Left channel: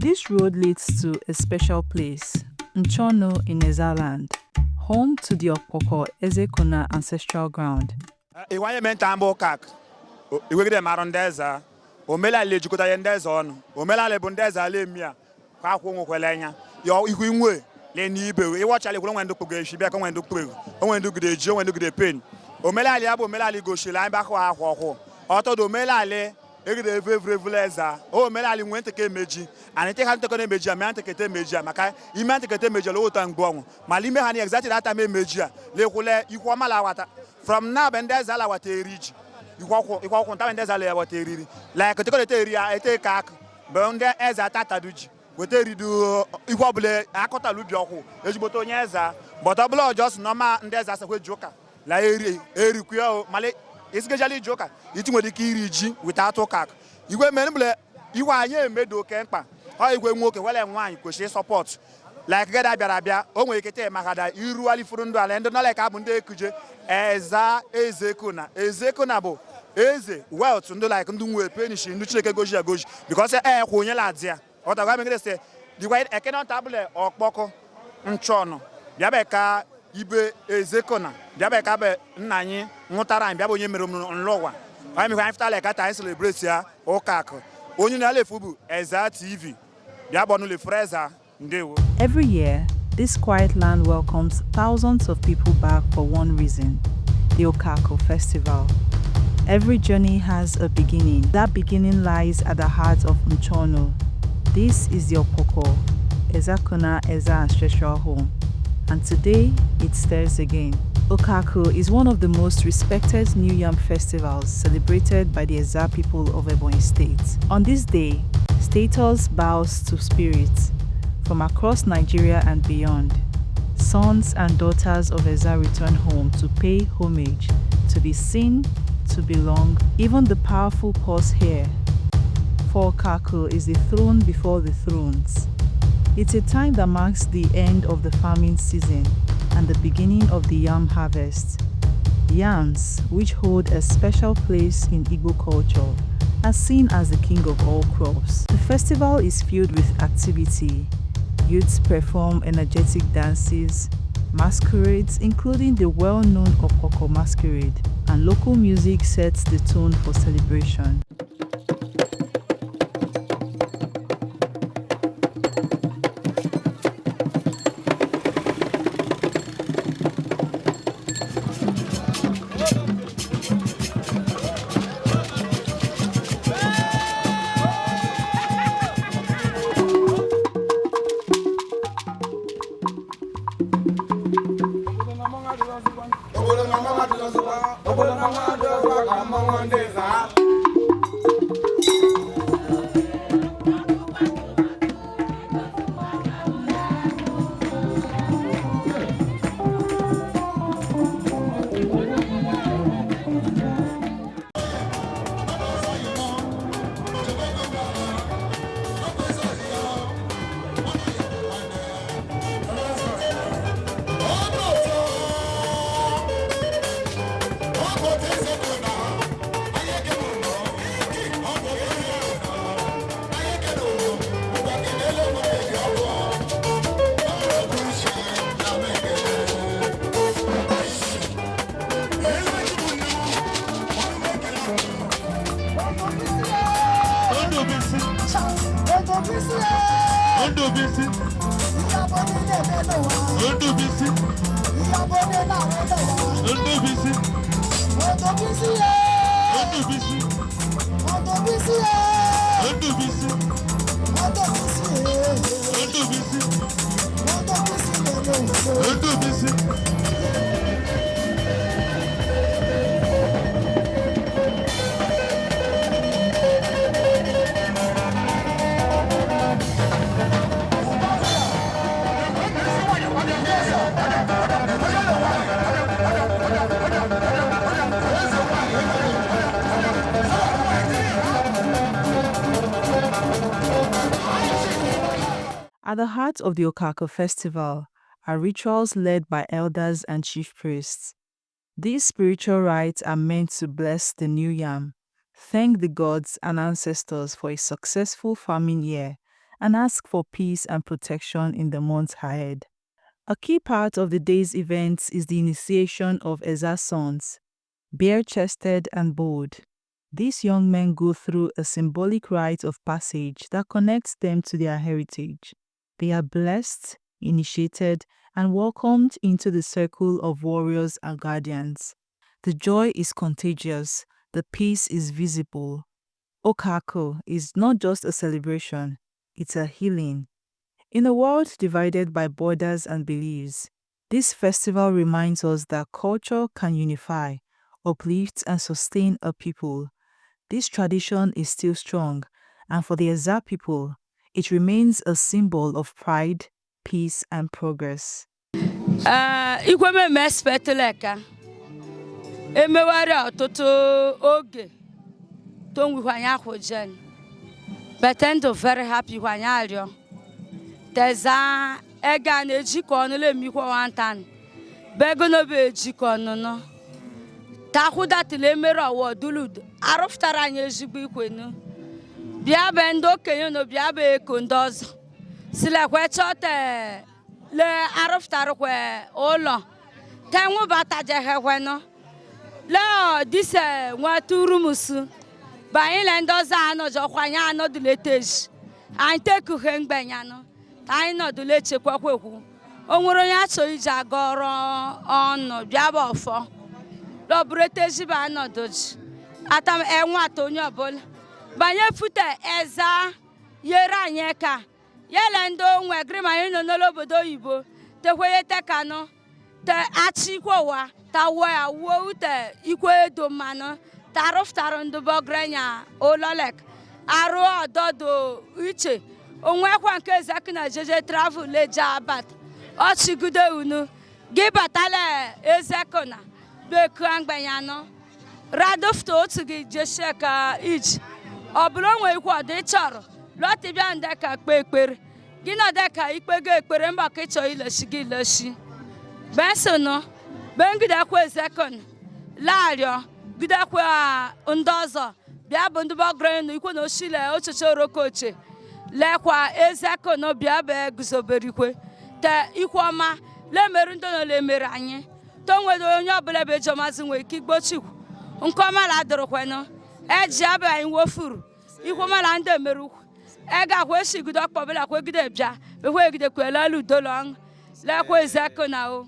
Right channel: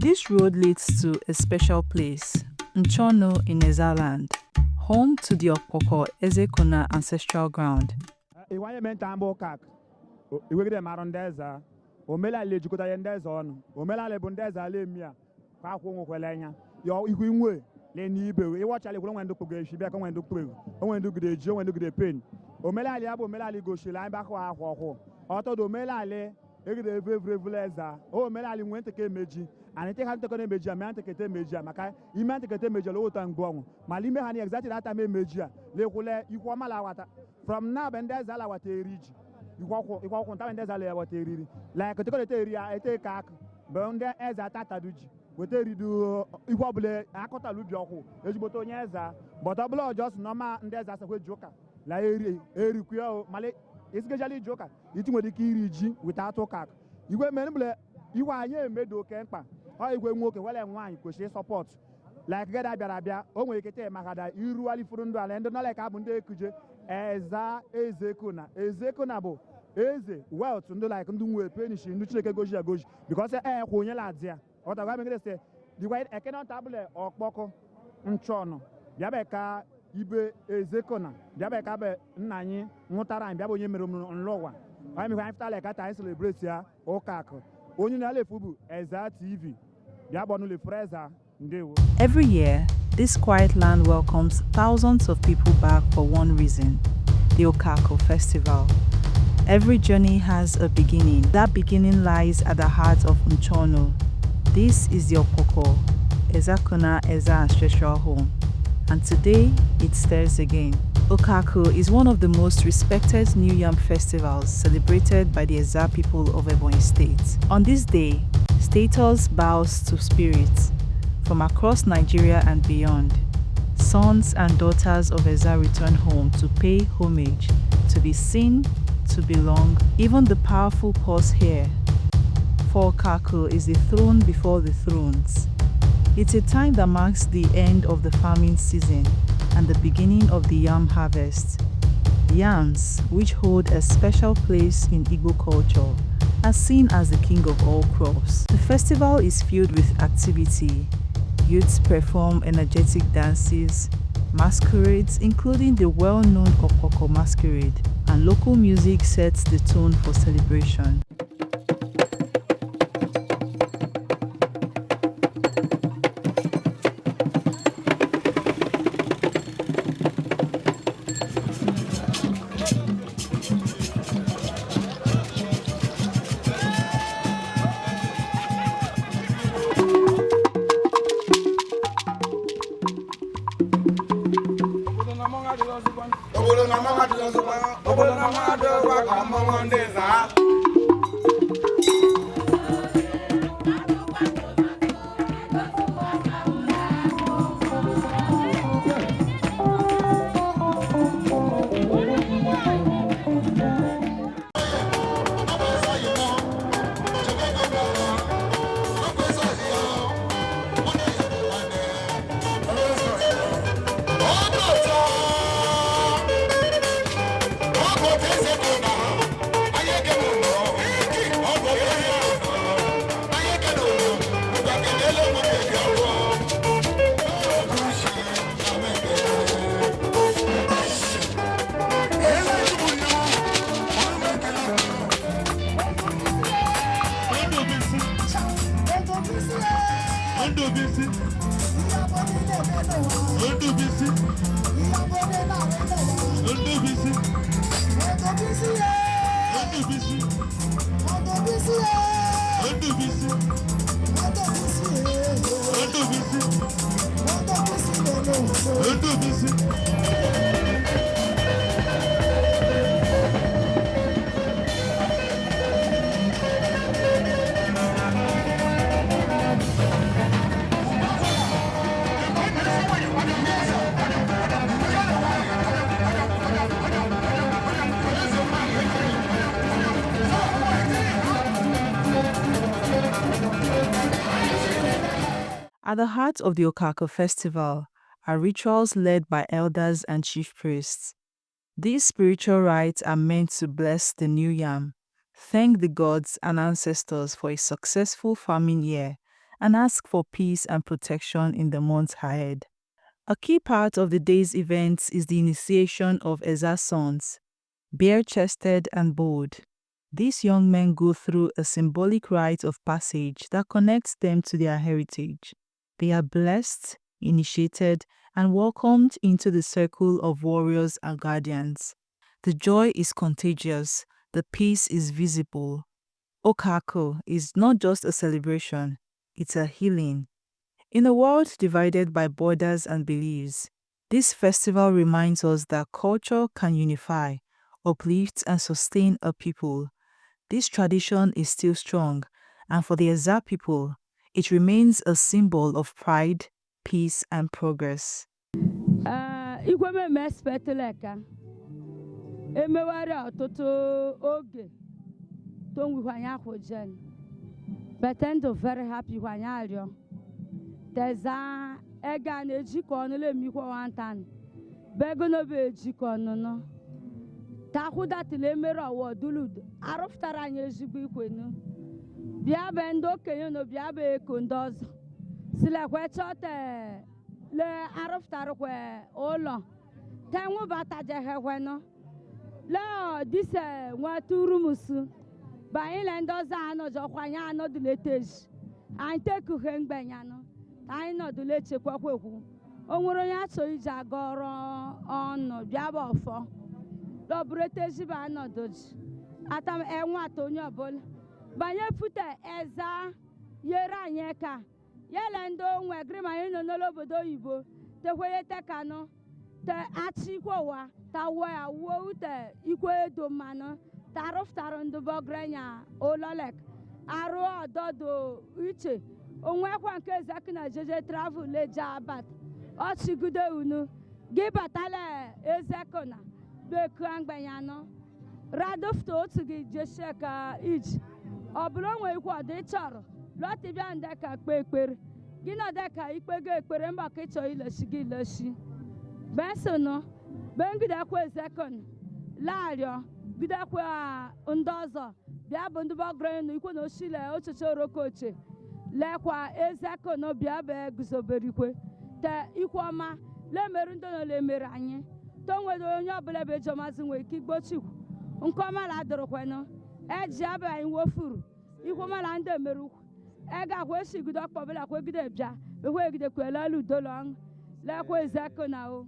This road leads to a special place, Nchono in Ezza land, home to the Okako Ezekuna ancestral ground. Iwanye mentambo Okako. Iwegide marondeza. Omela le jukuta yendeza onu. Omela le bundeza le mia. Kwa kwongo kwelenya. Yo ikwinwe le nibe. Iwacha le kulongwa ndokugwe shibia kwa ndokugwe. Onwe ndokugwe jo, onwe ndokugwe pen. Omela le abo omela le goshila mba kwa akwo. Oto do omela le egide evevuleza. O omela le nwente ke meji. Anite kan to ko meji am ante kete meji maka imante kete meji lo otan gbonwo. Malime hani exactly that time meji le kule ikwo mala wata. From now bendeza la wata eriji. Ikwa kwanta bendeza le wata eriri. Like to ko te eri ete kak. Bonde Ezza tataduji. Wete ridu ikwa bule akota lubi okwu. Ejiboto onye Ezza. But oblo just normal ndeza se kwe joka. La eri kuyo male isgejali joka. Iti nwere ike iri ji without Okako. Igwe menbule iwa anye emedo kemkpa. O igwe nwoke wele nwanyi kwesịrị support. Like gada bịara o nwere ike te magada iru ali furu ndu ala ndị no like abụ ndị ekuje Ezza Ezekuna. Ezekuna bụ eze wealth ndị like ndị nwe penishi ndị Chineke goji agoji because kwa onye la dia. O ta gwa me say the white ekeno table okpoko nchono. Bịa be ka ibe Ezekuna. Bịa be ka be nna anyị nwụtara bịa bụ onye mere nlọwa. I mean after like that I celebrate ya Okako. Onye na lefu bụ Ezza TV. Every year, this quiet land welcomes thousands of people back for one reason, the Okako Festival. Every journey has a beginning. That beginning lies at the heart of Nchono. This is the Okako Ezekuna Ezza ancestral home. And today, it stirs again. Okako is one of the most respected New Yam festivals celebrated by the Ezza people of Ebonyi State. On this day, status bows to spirits from across Nigeria and beyond. Sons and daughters of Ezza return home to pay homage, to be seen, to belong. Even the powerful pause here. For Okako is the throne before the thrones. It's a time that marks the end of the farming season and the beginning of the yam harvest. Yams, which hold a special place in Igbo culture, are seen as the king of all crops. The festival is filled with activity. Youths perform energetic dances, masquerades, including the well-known Okako masquerade, and local music sets the tone for celebration. At the heart of the Okako Festival are rituals led by elders and chief priests. These spiritual rites are meant to bless the new yam, thank the gods and ancestors for a successful farming year, and ask for peace and protection in the months ahead. A key part of the day's events is the initiation of Ezza's sons, bare-chested and bold. These young men go through a symbolic rite of passage that connects them to their heritage. They are blessed, initiated, and welcomed into the circle of warriors and guardians. The joy is contagious, the peace is visible. Okako is not just a celebration, it's a healing. In a world divided by borders and beliefs, this festival reminds us that culture can unify, uplift, and sustain a people. This tradition is still strong, and for the Ezza people, it remains a symbol of pride, peace, and progress. Igwe me speteleka. Emewari ọtụtụ oge tonwi hwanya khojen. But I'm very happy hwanya alio. Teza ega na ejiko onu le mi kwa wantan. Bego no be ejiko onu no. Ta huda tile mere owo dulud. Aroftara anya ezigbo ikwenu. Bia be ndo kenyo no bia be ekondozo. Sile kwe chote le aroftara kwe olo. Tenwu bata jehe kweno. Le dise nwa turumusu. Ba ile ndoza ano jo kwanya ano dileteji. Ante ku hengbenya no. Ta ino dule chekwa kwekwu. Onwero ya so ije agoro onu bia ba ofo. Lo breteji ba ano doji. Atam enwa to onye obola. Banye fute Ezza yera nyeka. Yele ndo nwe grima yino n'obodo oyibo. Te kweye te kano. Te achi kwa ta wa wo te ikwe do mano. Ta roftaro ndo bogrenya ololek. Aro ododo uche. Onwe kwa nke Ezekuna jeje travel leja abat. Ochi gude unu. Gibatale Ezekuna. Beku angbanyano. Radofto otu gi jesheka ij. Oblo nwe ikwo de choro. Loti bia ndeka kpekpere. Gina deka ikpege ekpere mba ke cho ileshi gi leshi. Bensono. Bengida kwa Ezekuna. Lario. Gida kwa ndozo. Bia bundu bogrenu ikwo no shile ochocho rokoche. Lekwa Ezekuna bia be guzoberikwe. Te ikwoma le merundo no le meranye. Tonwe do onye obule be jomazi nwe kigbochikwu. Nkoma la dorokweno. Eji abe anyi wofuru. Ikwoma la nde meru. Ega kwe shigudo akpobela kwe gide bia. Be kwe gide kwe la lu dolong. Le kwe Ezekuna o.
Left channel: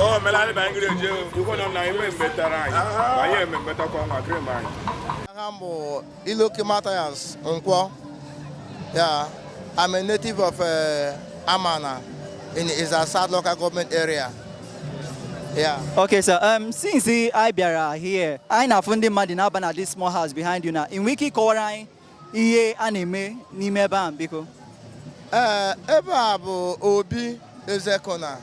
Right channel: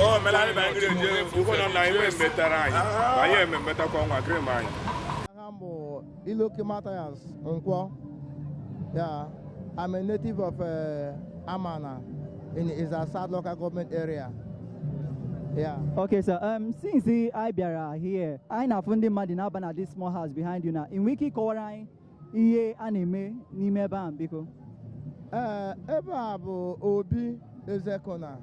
Oh, melali bangire je iko no na ime mbetara anyị. Anyị emembeta kwa nwa krim anyị. I'm Iloki Matthias Nkwo. Yeah, I'm a native of Amana in Ezza local government area. Yeah. Okay, so since I biara here, I na fundi madina bana this small house behind you now. In wiki korai iye anime ni meba biko. Ebe abu Obi Ezekuna.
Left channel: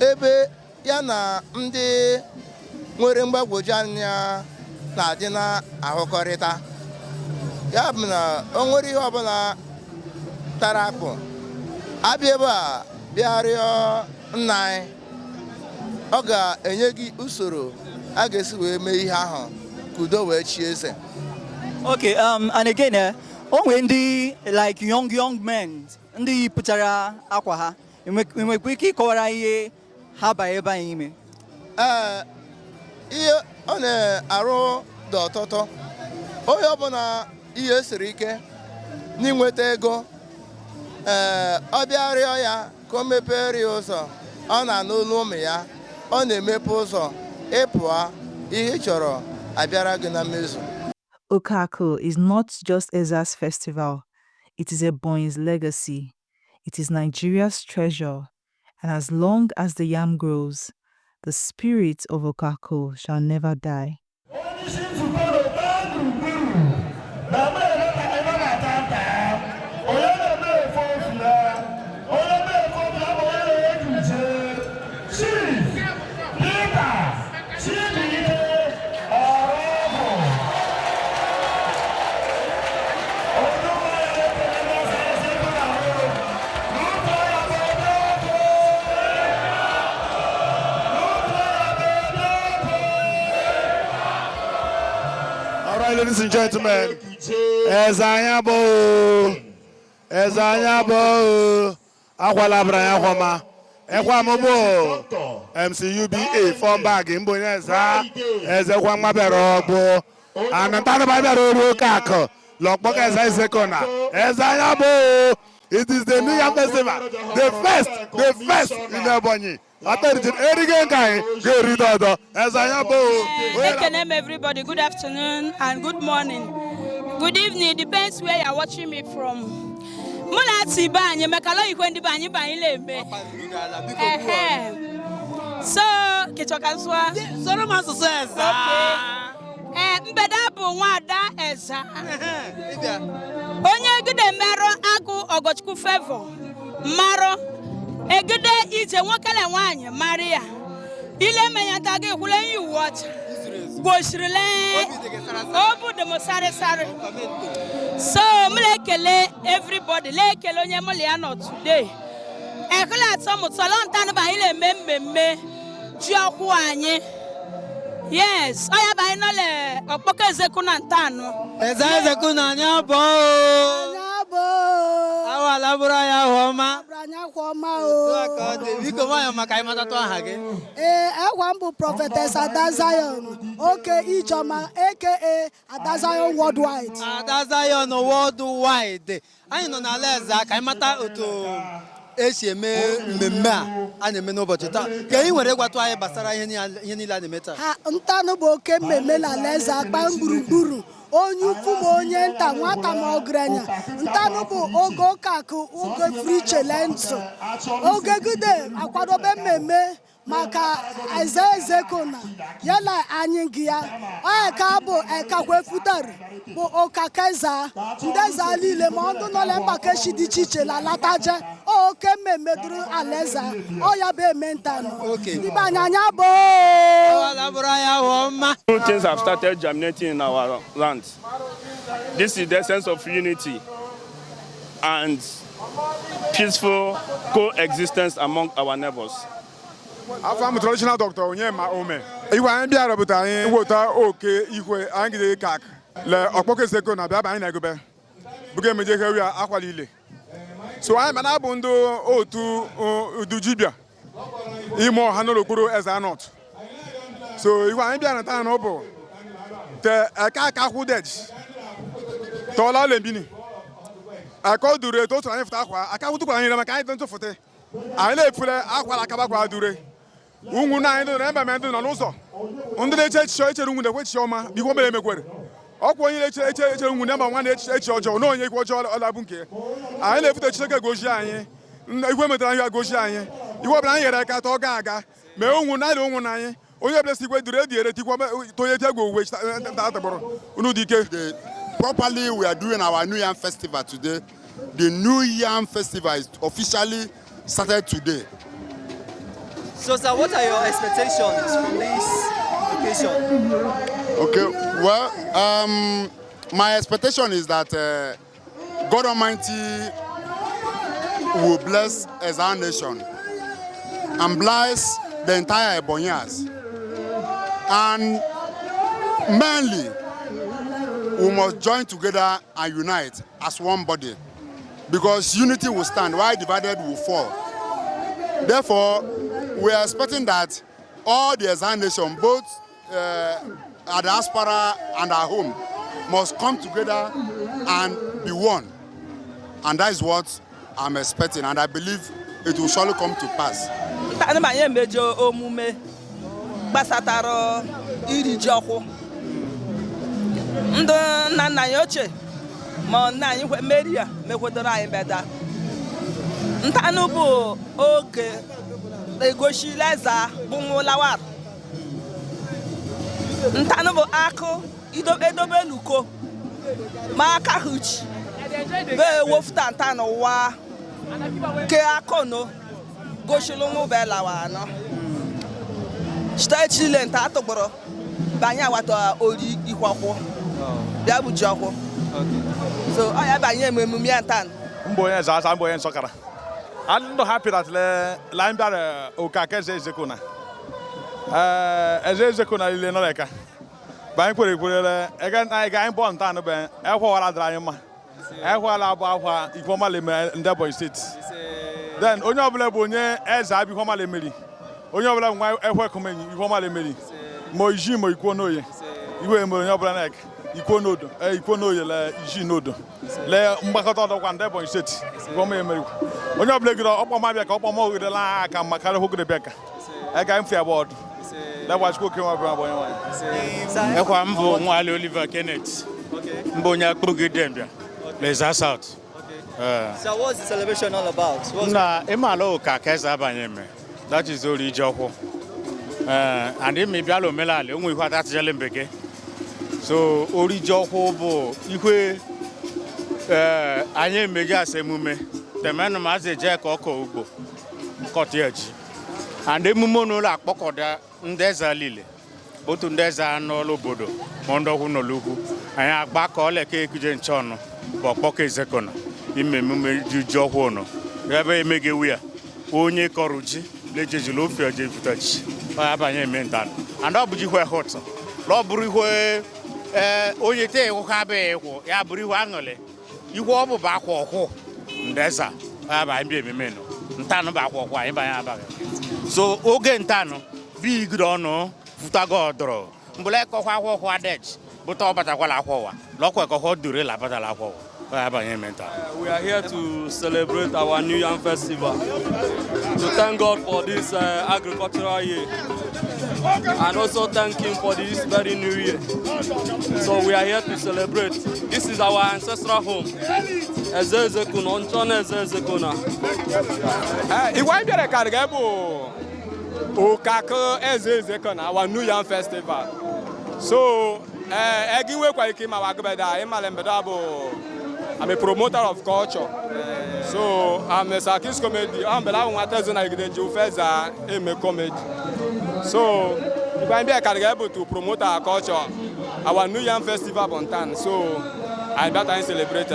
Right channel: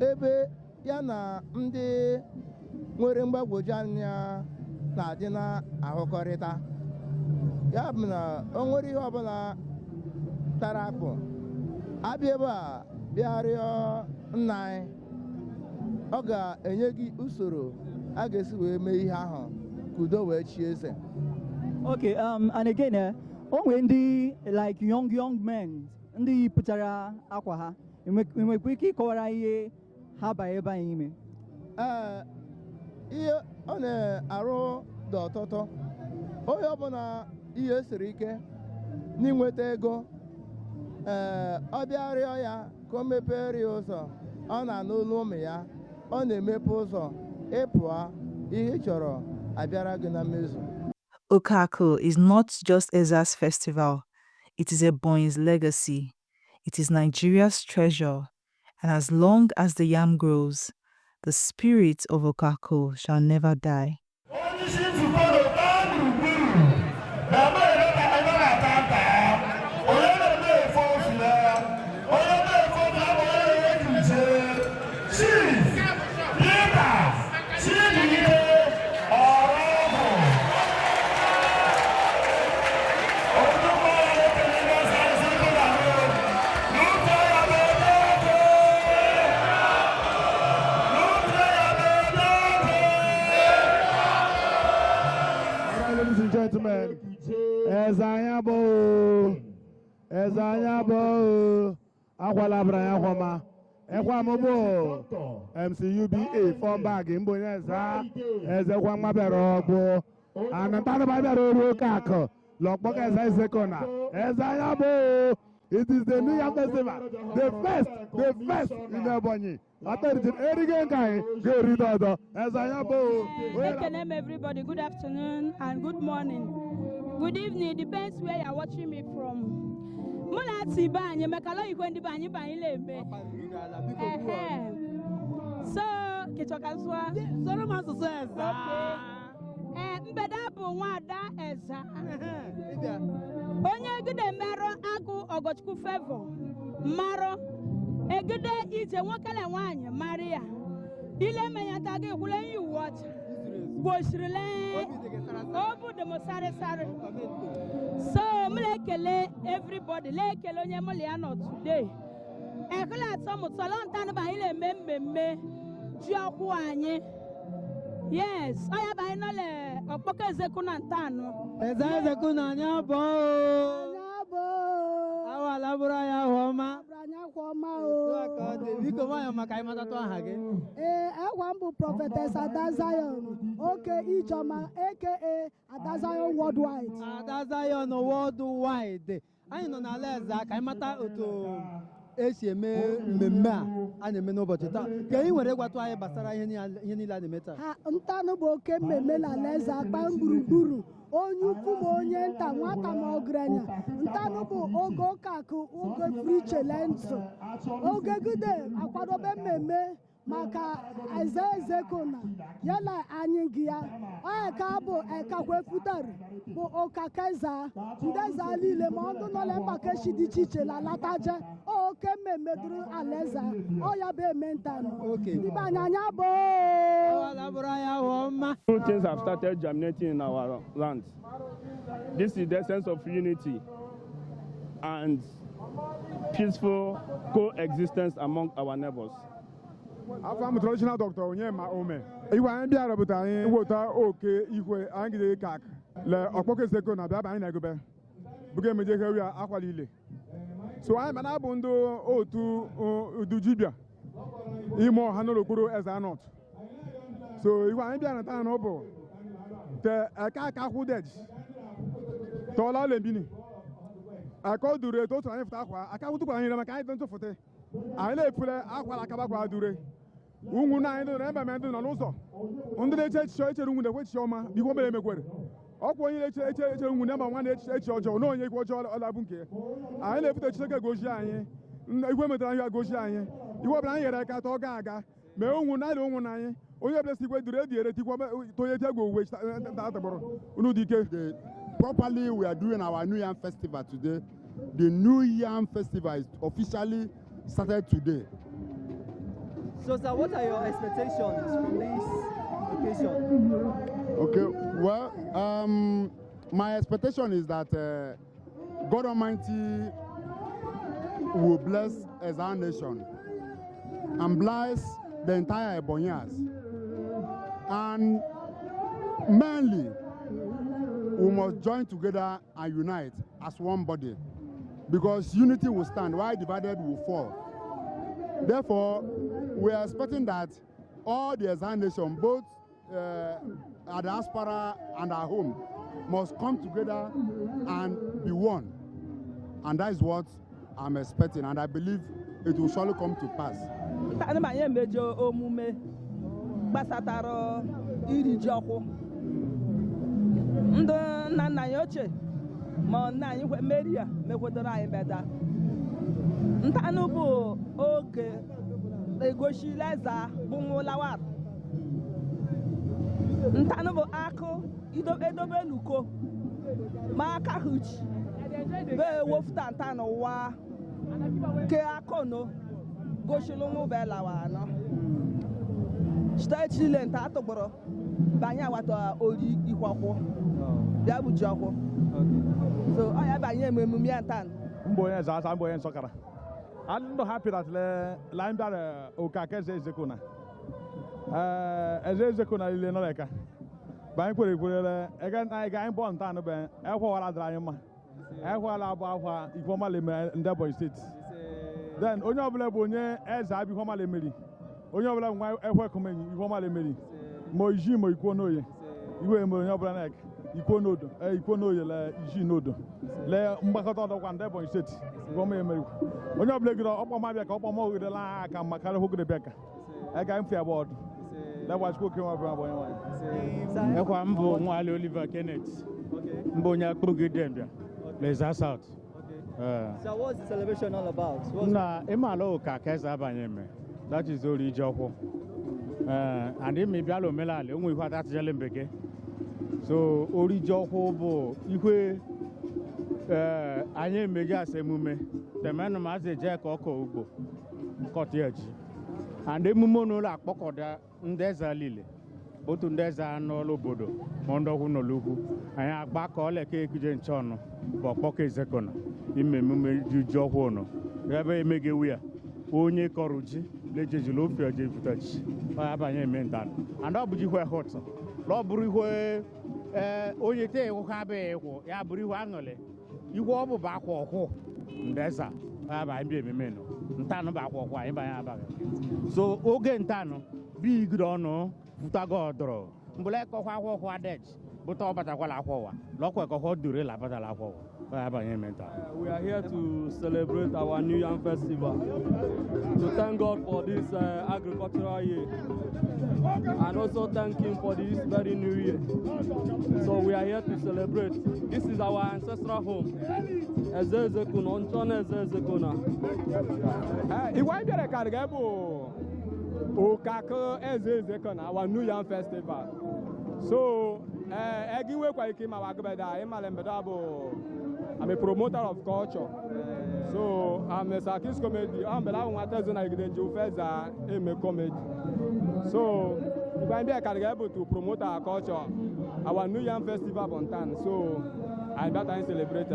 Ebe ya na ndị nwere mgbagwoju anya na-adị na ahụkọrịta. Ya bụ na o nwere ihe ọbụla tara akpụ. Abịa ebe a bịa rịọ nna anyị. Ọ ga-enye gị usoro a ga-esi wee mee ihe ahụ ka udo wee chi eze. Okay, and again, onwe ndị like young men ndị pụtara akwa ha. Enwekwa ike ịkọwara ihe ha ba ebe anyị ime. Ihe ọ na-arụ dị ọtụtụ onye ọbụla ihe siri ike n'inweta ego ọ bịa rịọ ya ka o mepere ya ụzọ ọ na-anụ olu ụmụ ya ọ na-emepe ụzọ ịpụa ihe ị chọrọ abịara gị na mmezu. Okako is not just Ezza's festival, it is Ebonyi's legacy. It is Nigeria's treasure, and as long as the yam grows, the spirit of Okako shall never die. Ladies and gentlemen, Ezza Ezekuna, Akwala Branya Homa, Ekwamobo, MCUBA, form bag in Boneza, Ezekuna Berobo, and Antana Baro Okako, Lokboka Ezza Ezekuna, Ezza. It is the New Yam Festival, the first in Ebonyi. Welcome everybody. Good afternoon and good morning. Good evening. Depends where you're watching me from. So, mbeda bụ nwada Ezza. Onye gide mero agụ Ogochukwu Favor maro egide ije nwokele nwanyị Maria ile menyata gị hụle yi watch goshirile obu de mosare sare. So mlekele everybody lekele onye moliano today ekele atomu salontan ba ile mmemme ji okwu anyị. Yes, I have a Okako Ezekuna ntano. Ezza Ezekuna nyabo. Nyabo. Awa labura ya homa. Branya homa o. Biko moyo makai matatu ahage. Wambu prophetess Adazion. Okay, Ijoma aka Adazion worldwide. Adazion worldwide. Anyị nọ na Ezza kai mata otu esi eme mmemme a na-eme n'ụbọchị taa ka anyị nwere gwatụ anyị gbasara ihe niile a na-eme taa. Ntanụ bụ oke mmemme na Ezza agba gburugburu onye ukwu ma onye nta nwata ma ọgaranya. Ntanụ bụ oge Okako oge frichelenso oge gide akwadobe mmemme maka Ezza Ezekuna yala anyị gị ya ka bụ ekakwe futari bụ Okako Ezza ndị Ezza niile ma ọdụ nọle mgbake dị iche iche la lataje oke mmemme duru Alaeze ọ ya bụ eme ntanụ ndị be anyị anya bụ. New things have started germinating in our land. This is the sense of unity and peaceful coexistence among our neighbors. I'm traditional doctor Onyema Ome. Iwa anyị bịara bụ anyị wota oke ihwe anyị gide kak le Okako Ezekuna bịa anyị na-egobe buga emeje hewi akwalile. So anyị mana bụ ndị otu udujibia ime ọha n'okpuru Ezza North. So iwa anyị bịara taa n'ọbụ te aka kwụ deji tọọla lembini aka dure etu otu anyị fụta akwa aka kwụtụkwara anyị maka anyị ntụfụte anyị na-efule akwala akabakwa dure unwu na anyị na ebe ndị nọ n'ụzọ ndị na-eche echiche echere unwu na-ekwe echiche ọma biko mere emekwere ọkwa onye na-eche unwu na mba nwa na-echiche echiche ọjọọ na onye ikwe ọjọọ ọlabụ nke anyị na-efute Chineke gozie anyị igwe metara ihe gozie anyị iwe ọbụla anyị nyere aka tọọ aga mee unwu na anyị unwu na anyị onye ọbụla si igwe dure ediere tikwa tonye tegwu owuwe atabụrụ unu dị ike. Properly, we are doing our New Yam Festival today. The New Yam Festival is officially started today. So, sir, what are your expectations from this occasion? Okay, well, my expectation is that God Almighty will bless Ezza Nation and bless the entire Ebonyas. And mainly, we must join together and unite as one body, because unity will stand while divided will fall. Therefore, we are expecting that all the Ezza Nation, both our diaspora and our home must come together and be one. And that is what I'm expecting, and I believe it will surely come to pass. Ntanobo ako edobe luko maka huch be wofta ntano wa ke akono goshilungu belawa no stage lenta atogboro banya wato ori ikwakwo bia bu jokwo so aya banya emumi antan mboye za mboye nsokara I'm not happy that line bar Okako Ezza Ezekuna Ezza Ezekuna ile no leka ban kwere again I ga born tan be e ho wala dra yin ma e ho wala abo ahwa ifoma le Ebonyi state then onye obula bụ onye eze abi ifoma le meri onye obula nwa e ho komenyi ifoma le meri mo iji mo iko noye iwe mo onye obula nek iko nodo iko noye le iji nodo le mgbakọta ọdọkwa Ebonyi state ifoma emeri onye obula giro ọkpọ ma bịa ka ọkpọ ma ogide la aka makara hogide bịa ka e ga mfi abọd that was cooking up Ebonyi one ekwa mbo nwale Oliver Kenneth mbo nya kpogide mbia Leza South. So what's the celebration all about? Na imalo Okako Ezza abanyeme. That is ori joko. And imi bialo melale onwe ihwa that jele mbeke. So ori joko bo ihwe anye meja asemume. Temenu maze je ka oko ugbo. Kotieji. And emume no la akpokoda ndeza lile. Otu ndeza n'olu obodo mondokwu n'olukwu. Anyị agbakọ ole ka ekuje nchọnụ. Okako Ezekuna imemume juju ọhụrụ ebe emegewu ya onye kọrọ ji lejejulu ofe oje futachi abanye mental and ọ bụ ji hwe hot lo buru ihwe onye te ịhụ ha be ịhụ ya buru ihwe aṅụle ihwe ọ bụ akwa ọhụ ndeza abanye bi ememe no ntanụ bụ akwa ọhụ anyị banye abaghị so oge ntanụ bi igide ọnụ futago ọdọrọ mbụla ekọkwa akwa ọhụ adej but we are here to celebrate our new Yam Festival, to thank God for this agricultural year, and also thank Him for this very new year. So we are here to celebrate. This is our ancestral home, Ezza Ezekuna, Onchone Ezza Ezekuna. Okako Ezza Ezekuna, our new Yam Festival. So, I'm a promoter of culture. So, I'm a Sakis comedy. I'm a comedy. So, if I'm able to promote our culture, our New Yam Festival on time. So, I better celebrate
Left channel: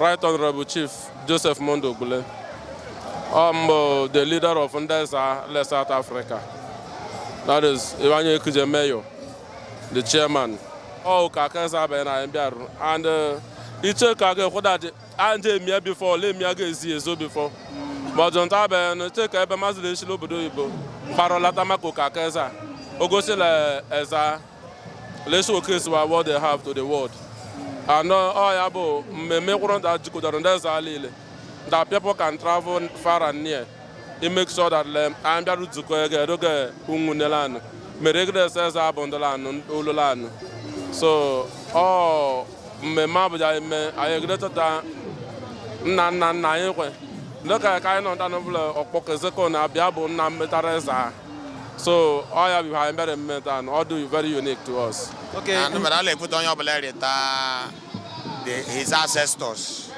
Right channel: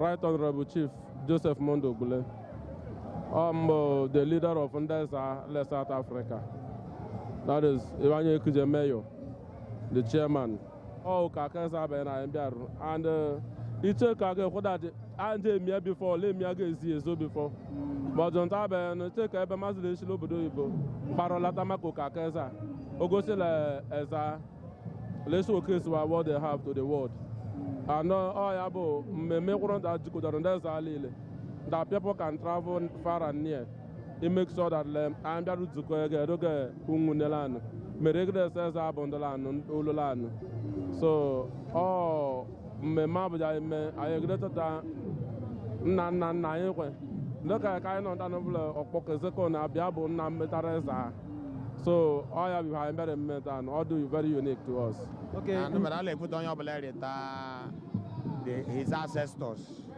Right Honorable Chief Joseph Mondo Gule. I'm the leader of Ndeza, South Africa. That is Ebonyi People, the chairman. Okako Ezza and it's a Kage and me before, let me go before. But don't have a take a Mazda Shilobo, Parolatama Okako Ezza, Ogosela Ezza, let's showcase what they have to the world. And Yabo, me want that you could understand that people can travel far and near. It makes sure that I'm able to go to Ungunelan, Meregre says Abondalan, Ululan. So, me mabuja me I agree that na look at kind of Okako Ezekuna Biabo Nametareza. So all you behind better and all do very unique to us. Okay. And I put on your his ancestors.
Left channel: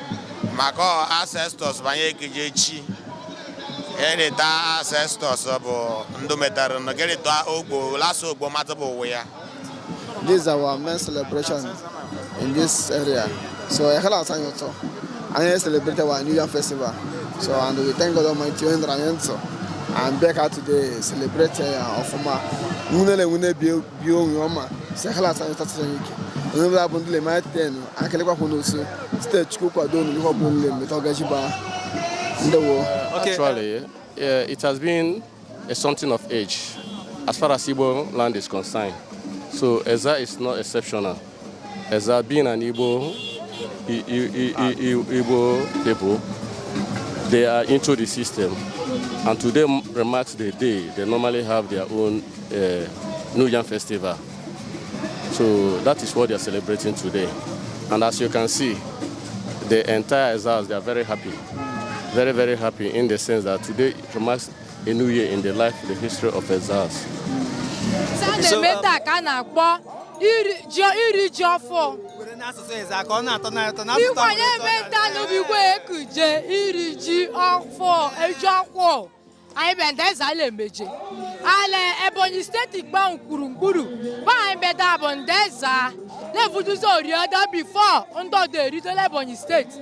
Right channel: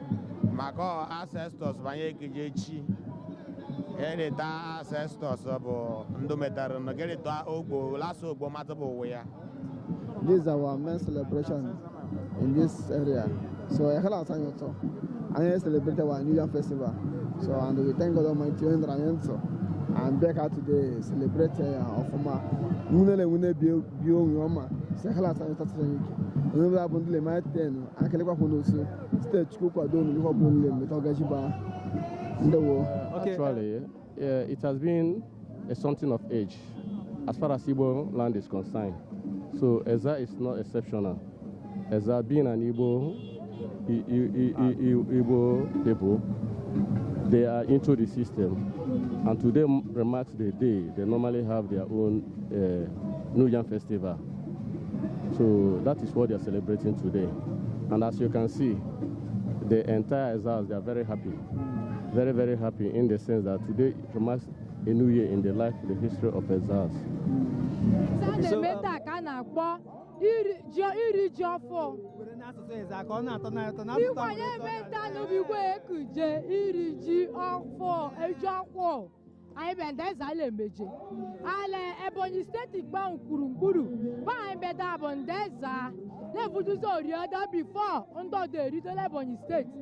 My ancestors Banyekijechi. Edita ancestors of Ndometar and get it to Ogbo, Lasso Bomatabo way. This is our main celebration in this area. So I had a time also. I celebrate our New Yam Festival. So and we thank God Almighty and Rayenso. And back out today celebrate of my Munele Bio Yoma. Sekala San Tatsaniki. We have been doing my ten. I can look on also stage cook or don't look on the Togajiba. Actually, it has been something of age as far as Igbo land is concerned. So Ezza is not exceptional. Ezza being an Igbo people, they are into the system. And today marks the day. They normally have their own New Yam Festival. So that is what they are celebrating today. And as you can see, the entire Ezzas, they are very happy. Very, very happy in the sense that today marks a new year in the life, the history of Ezzas. Anyị bendeza ale meje ale Ebonyi State gba nkurunkuru ba anyị beda bondeza le vuduzo orioda before ndo de rito le Ebonyi State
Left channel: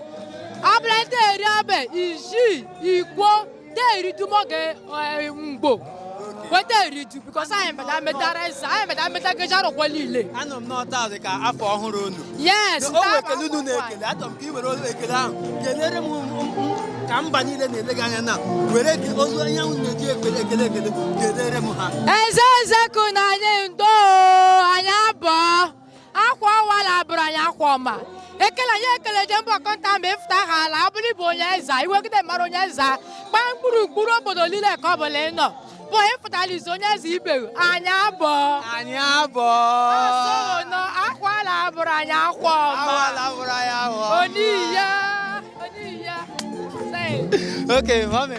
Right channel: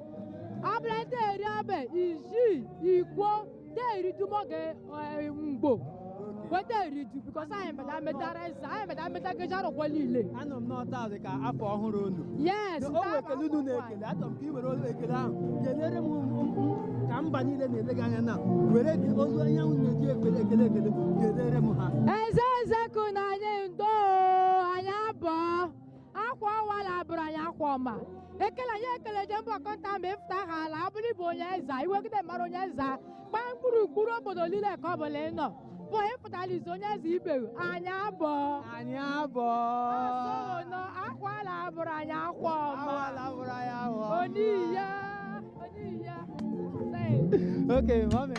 abla de riabe iji igbo de ritu moge ngbo wete ritu because anyị beda metareza anyị beda metagejaro kwalile Anom nota de ka afọ ọhụrụ unu yes o wekele unu na-ekele atọm ka I were ekele ahụ kelere m ka mba niile na-elega anya na were ozu anya unu na-eji ekele kelere m ha Ezza Ezekuna anyị ndo anyị abụọ akwa wala bụrụ anyị akwa ọma ekele anyị ekele je mbọ kọnta ma ịfụta ha ala abụrụ bụ onye Ezza iwegide mara onye Ezza gbaa mkpụrụ obodo niile ka ọ bụla ị nọ bụ ịfụtala izu onye Ezza ibeghị anyị abụọ asọnọ akwa ala bụrụ anyị akwa ọma oniya okay mami